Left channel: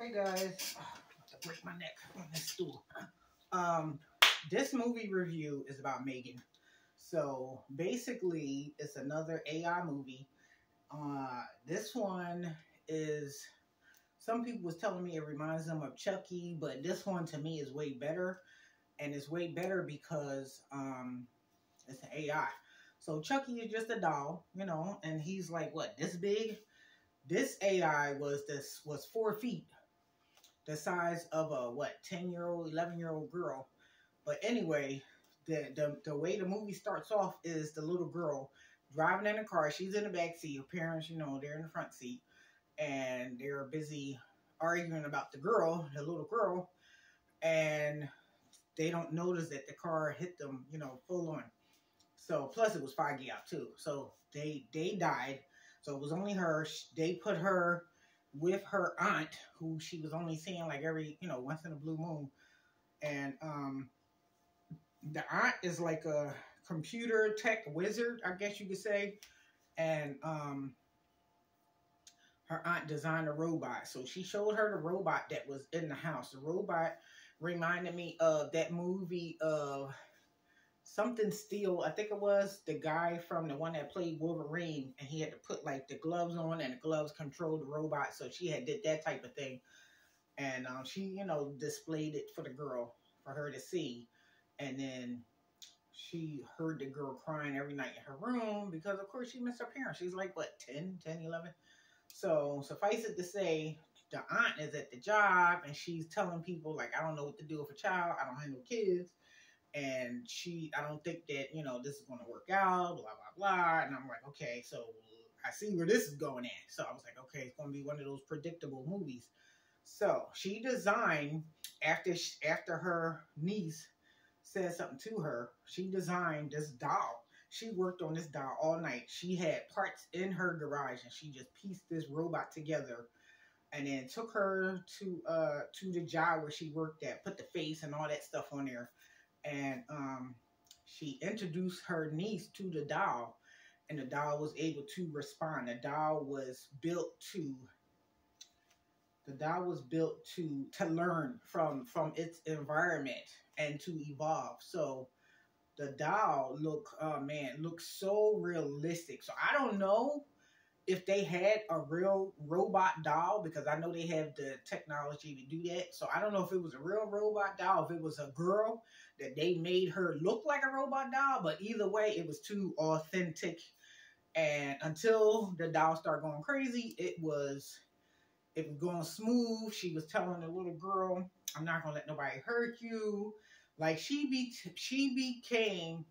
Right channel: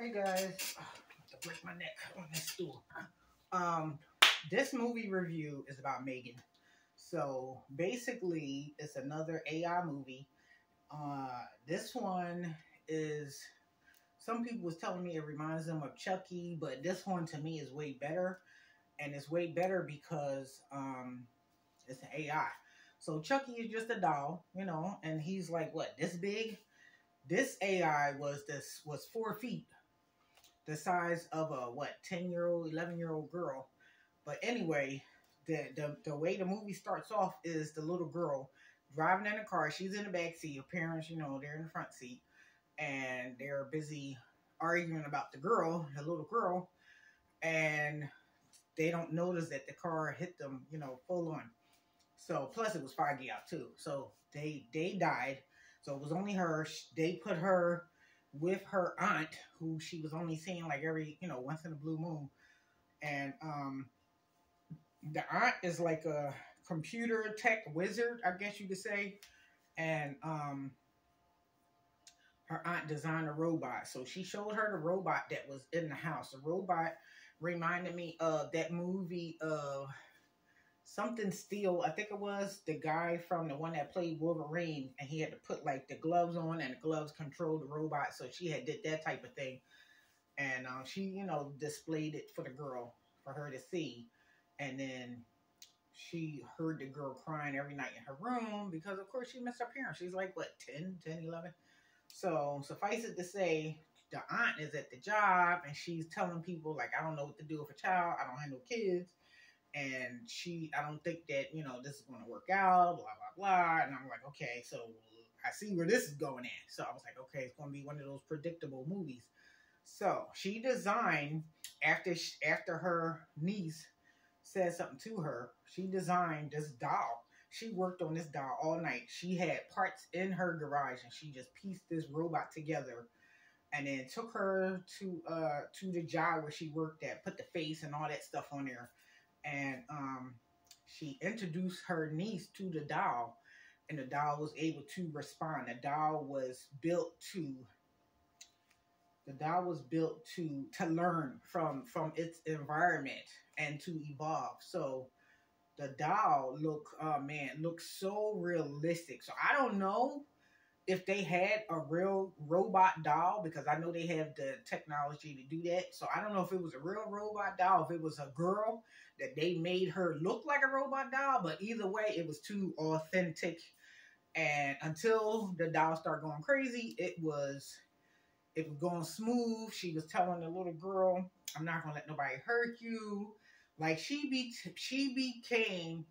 Hey guys, oh, I'm about to break my neck on this stool. Um, this movie review is about Megan. So basically, it's another AI movie. This one is. Some people was telling me it reminds them of Chucky, but this one to me is way better, and it's way better because it's an AI. So Chucky is just a doll, and he's like what this big. This AI was 4 feet, the size of a 10-year-old, 11-year-old girl. But anyway, the way the movie starts off is the little girl driving in a car. She's in the back seat. Her parents, they're in the front seat, and they're busy arguing about the little girl, and they don't notice that the car hit them, full on. So plus it was foggy out too. So they died. So it was only her. They put her with her aunt, who she was only seeing like every, once in a blue moon. And the aunt is like a computer tech wizard, I guess you could say. And her aunt designed a robot. So she showed her the robot that was in the house. The robot reminded me of that movie of Something Steel. I think it was the guy from the one that played Wolverine, and he had to put like the gloves on, and the gloves controlled the robot. So she had did that type of thing, and she displayed it for the girl for her to see, and then she heard the girl crying every night in her room because of course she missed her parents. She's like what 10, 11. So suffice it to say, the aunt is at the job and she's telling people like, I don't know what to do with a child. I don't have no kids. And I don't think that, this is going to work out, blah, blah, blah. And I'm like, okay, so I see where this is going at. So I was like, okay, it's going to be one of those predictable movies. So she designed, after her niece said something to her, she designed this doll. She worked on this doll all night. She had parts in her garage and she just pieced this robot together and then took her to the job where she worked at, put the face and all that stuff on there. And she introduced her niece to the doll, and the doll was able to respond. The doll was built to learn from its environment and to evolve. So the doll looks so realistic. So I don't know if they had a real robot doll, because I know they have the technology to do that. So I don't know if it was a real robot doll, if it was a girl that they made her look like a robot doll, but either way, it was too authentic. And until the doll started going crazy, it was going smooth. She was telling the little girl, I'm not going to let nobody hurt you. Like she became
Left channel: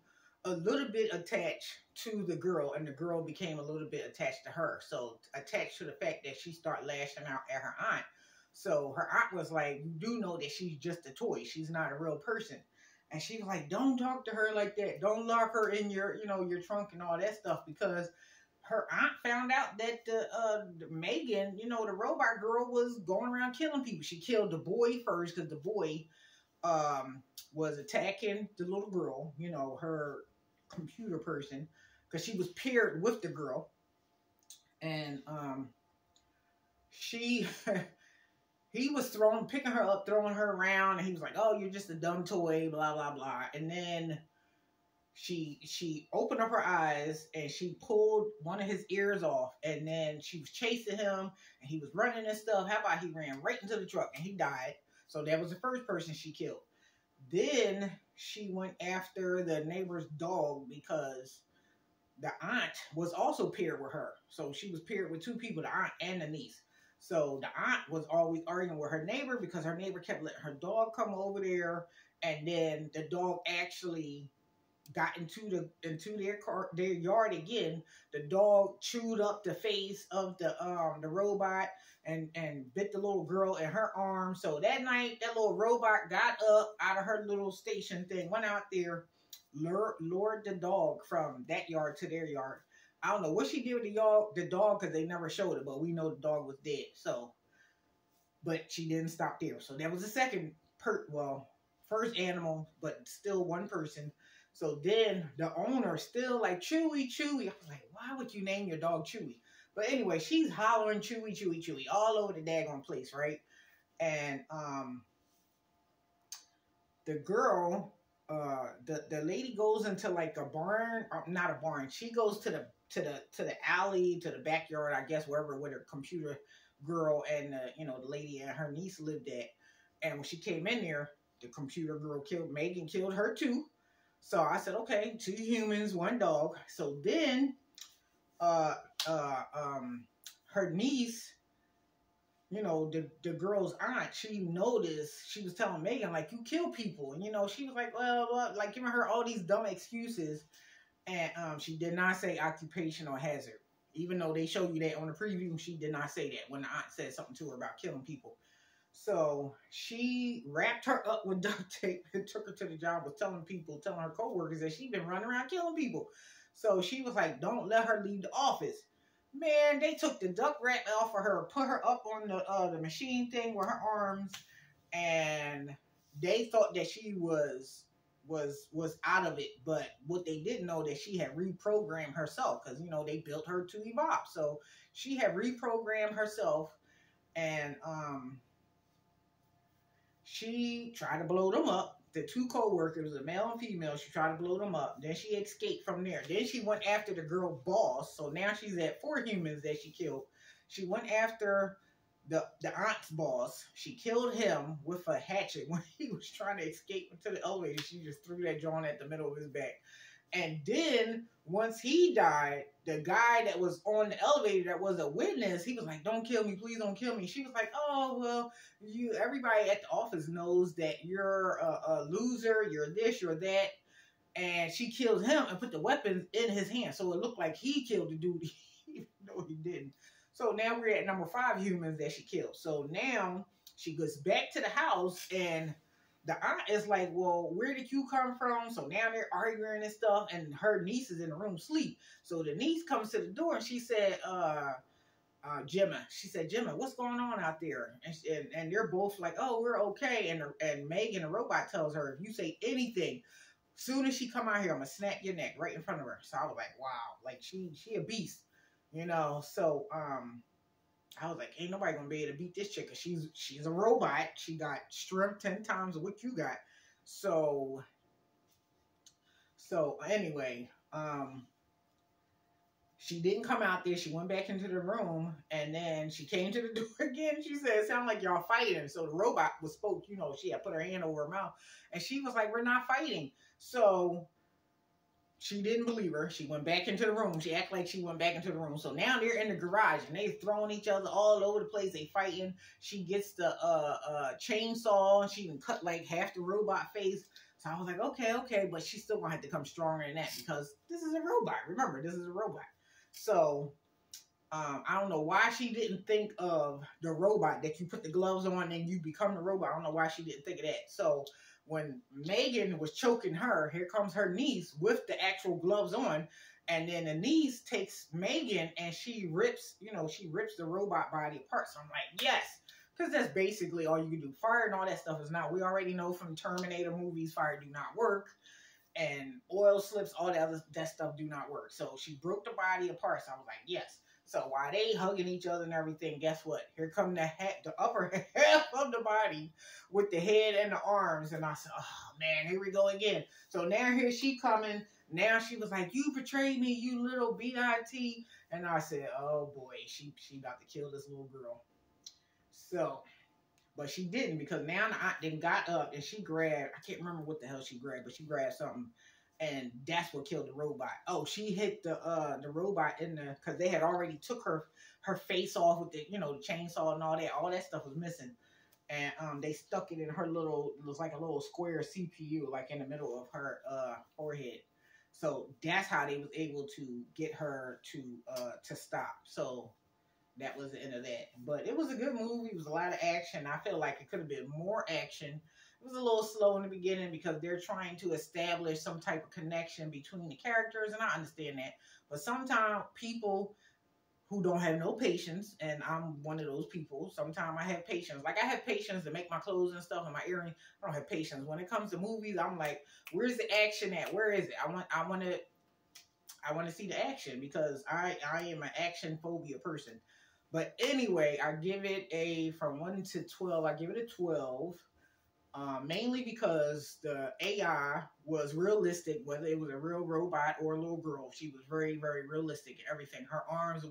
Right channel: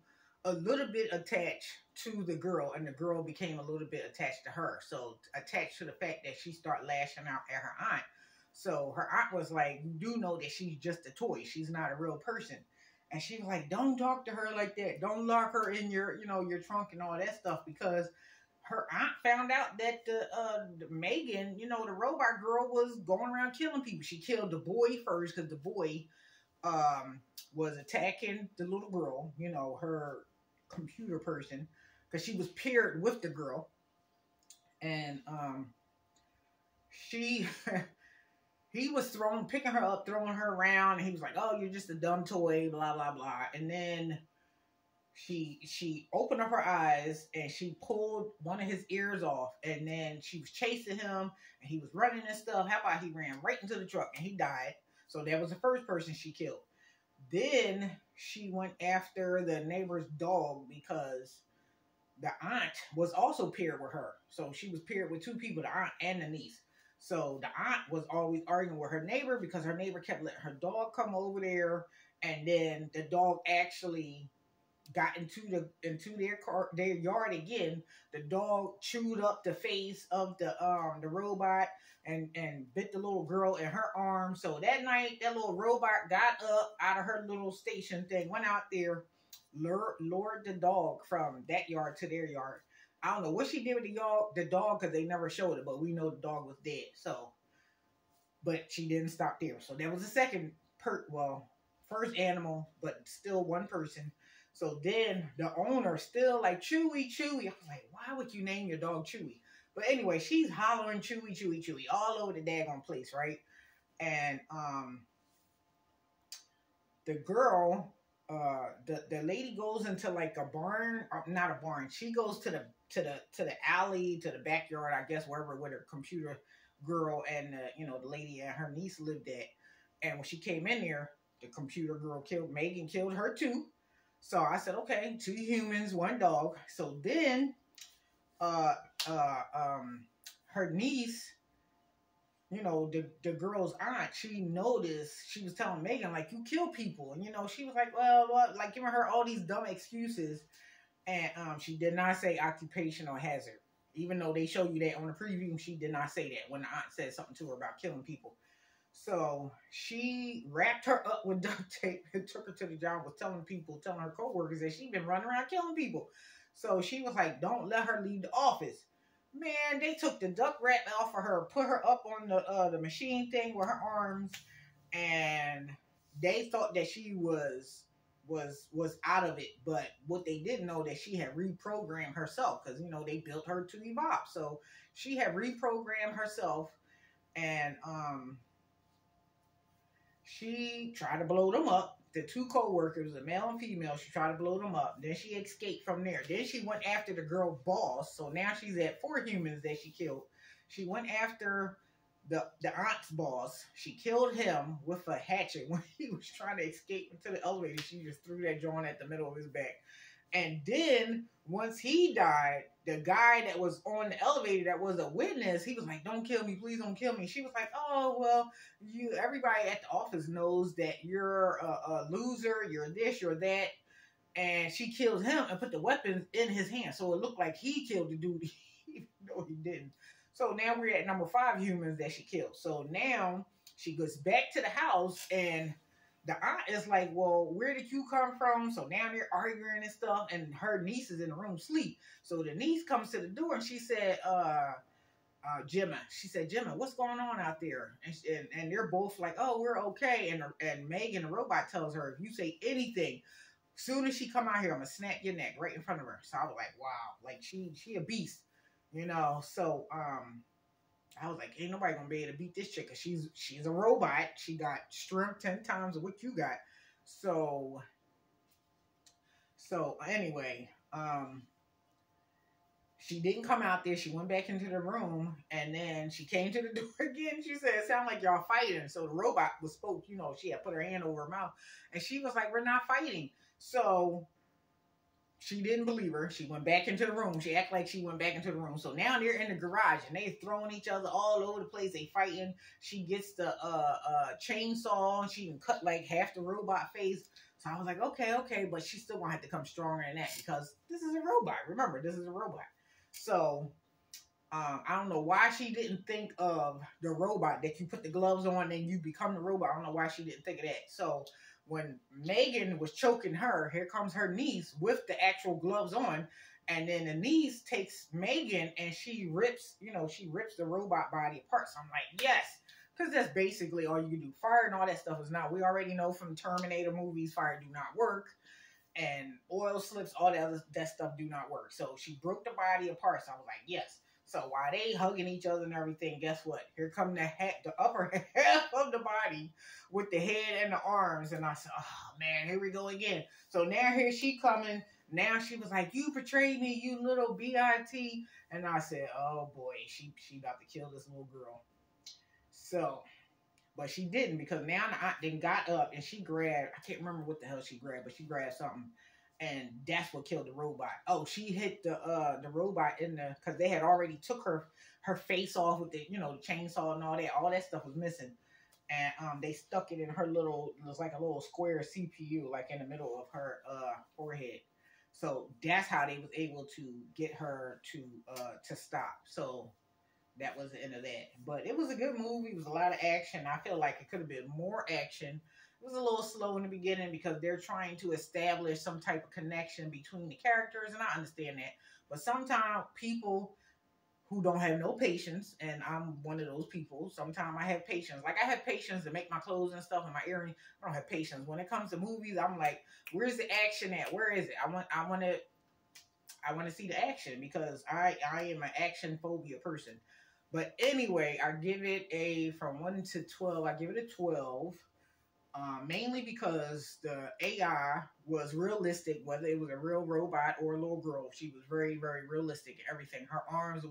a little bit attached to the girl, and the girl became a little bit attached to her. So attached to the fact that she started lashing out at her aunt. So her aunt was like, you do know that she's just a toy. She's not a real person. And she's like, don't talk to her like that. Don't lock her in your trunk and all that stuff, because her aunt found out that the Megan, the robot girl, was going around killing people. She killed the boy first because the boy was attacking the little girl, her computer person, because she was paired with the girl. And he was picking her up, throwing her around, and he was like, oh, you're just a dumb toy, blah, blah, blah. And then she opened up her eyes and she pulled one of his ears off, and then she was chasing him and he was running and stuff. How about he ran right into the truck and he died? So that was the first person she killed. Then she went after the neighbor's dog because the aunt was also paired with her. So she was paired with two people, the aunt and the niece. So the aunt was always arguing with her neighbor because her neighbor kept letting her dog come over there. And then the dog actually got into their yard again. The dog chewed up the face of the robot and bit the little girl in her arm. So that night, that little robot got up out of her little station thing, went out there, lured the dog from that yard to their yard. I don't know what she did with the dog because they never showed it, but we know the dog was dead. So, but she didn't stop there. So that was the second first animal, but still one person. So then the owner still like, Chewy. I was like, why would you name your dog Chewy? But anyway, she's hollering Chewy all over the daggone place, right? And the girl, the lady goes into like a barn, or not a barn. She goes to the alley, to the backyard, I guess, wherever with her computer girl and the lady and her niece lived at. And when she came in there, the computer girl Megan killed her too. So I said, okay, 2 humans, 1 dog. So then, her niece, the girl's aunt, she noticed, she was telling Megan, like, you kill people. And, she was like, well, like giving her all these dumb excuses. And she did not say occupational hazard. Even though they show you that on the preview, she did not say that when the aunt said something to her about killing people. So she wrapped her up with duct tape and took her to the job, was telling her coworkers that she'd been running around killing people. So she was like, don't let her leave the office. Man, they took the duct wrap off of her, put her up on the machine thing with her arms, and they thought that she was out of it. But what they didn't know, that she had reprogrammed herself, because they built her to evolve. So she had reprogrammed herself, and she tried to blow them up. The 2 co-workers, a male and female, she tried to blow them up. Then she escaped from there. Then she went after the girl boss. So now she's at 4 humans that she killed. She went after the aunt's boss. She killed him with a hatchet when he was trying to escape into the elevator. She just threw that joint at the middle of his back. And then once he died, the guy that was on the elevator that was a witness, he was like, don't kill me, please don't kill me. She was like, oh, well, everybody at the office knows that you're a loser, you're this, you're that. And she killed him and put the weapons in his hand. So it looked like he killed the dude, even though he didn't. So now we're at number 5 humans that she killed. So now she goes back to the house, and the aunt is like, well, where did you come from? So now they're arguing and stuff, and her niece is in the room asleep. So the niece comes to the door, and she said, Gemma. She said, Gemma, what's going on out there? And they're both like, oh, we're okay. And Megan, the robot, tells her, if you say anything, soon as she come out here, I'm going to snap your neck right in front of her. So I was like, wow, like she a beast, So I was like, ain't nobody gonna be able to beat this chick, 'cause she's a robot. She got strength 10 times of what you got. So anyway, she didn't come out there. She went back into the room, and then she came to the door again. She said, it sounded like y'all fighting. So the robot spoke, she had put her hand over her mouth, and she was like, we're not fighting. So she didn't believe her. She went back into the room. She acted like she went back into the room. So now they're in the garage, and they throwing each other all over the place. They fighting. She gets the chainsaw, and she can cut like half the robot face. So I was like, okay, but she's still gonna have to come stronger than that, because this is a robot. Remember, this is a robot. So I don't know why she didn't think of the robot, that you put the gloves on and you become the robot. I don't know why she didn't think of that. So when Megan was choking her, here comes her niece with the actual gloves on. And then the niece takes Megan and she rips the robot body apart. So I'm like, yes, because that's basically all you can do. Fire and all that stuff is not. We already know from Terminator movies, fire do not work. And oil slips, all that stuff do not work. So she broke the body apart. So I was like, yes. So while they hugging each other and everything, guess what? Here come the upper half of the body with the head and the arms. And I said, oh man, here we go again. So now here she coming. Now she was like, you betrayed me, you little B.I.T. And I said, oh boy, she about to kill this little girl. So, but she didn't, because now the aunt then got up and she grabbed, I can't remember what the hell she grabbed, but she grabbed something. And that's what killed the robot. Oh, she hit the robot because they had already took her face off with the the chainsaw and all that. All that stuff was missing, and they stuck it in her it was like a little square CPU, like in the middle of her forehead. So that's how they was able to get her to stop. So that was the end of that. But it was a good movie. It was a lot of action. I feel like it could have been more action. It was a little slow in the beginning because they're trying to establish some type of connection between the characters, and I understand that. But sometimes people who don't have no patience, and I'm one of those people, sometimes I have patience. Like I have patience to make my clothes and stuff and my earrings. I don't have patience. When it comes to movies, I'm like, where's the action at? Where is it? I want to see the action, because I am an action phobia person. But anyway, I give it a, from 1 to 12, I give it a 12. Mainly because the AI was realistic, whether it was a real robot or a little girl. She was very, very realistic. Everything, her arms, the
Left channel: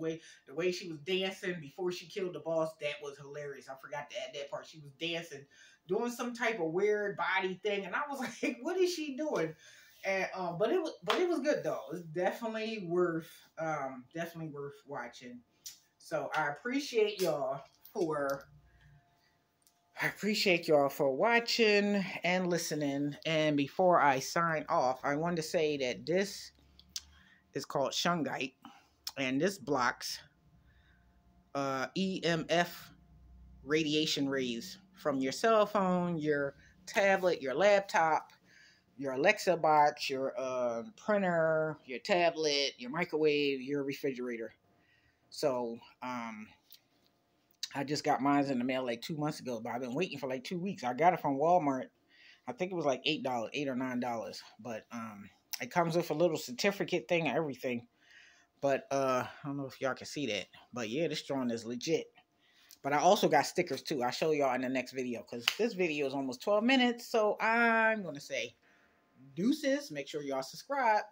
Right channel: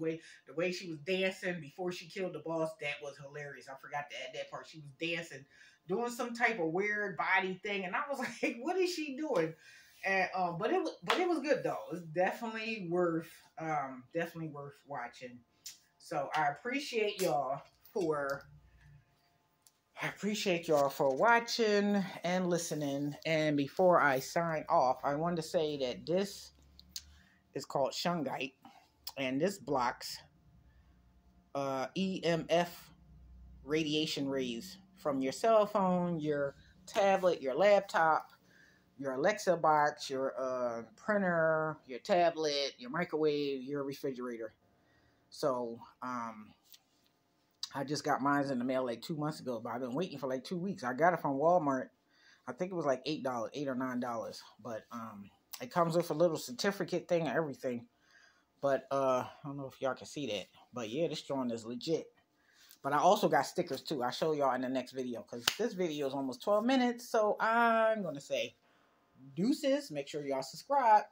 way she was dancing before she killed the boss, that was hilarious. I forgot to add that part. She was dancing, doing some type of weird body thing, and I was like, "What is she doing?" And but it was good though. It's definitely worth watching. So I appreciate y'all for watching and listening. And before I sign off, I want to say that this is called Shungite, and this blocks EMF radiation rays from your cell phone, your tablet, your laptop, your Alexa box, your printer, your tablet, your microwave, your refrigerator. So, I just got mine in the mail like 2 months ago, but I've been waiting for like 2 weeks. I got it from Walmart. I think it was like $8, $8 or $9. But it comes with a little certificate thing and everything. But I don't know if y'all can see that. But yeah, this joint is legit. But I also got stickers too. I'll show y'all in the next video, because this video is almost 12 minutes. So I'm gonna say deuces. Make sure y'all subscribe.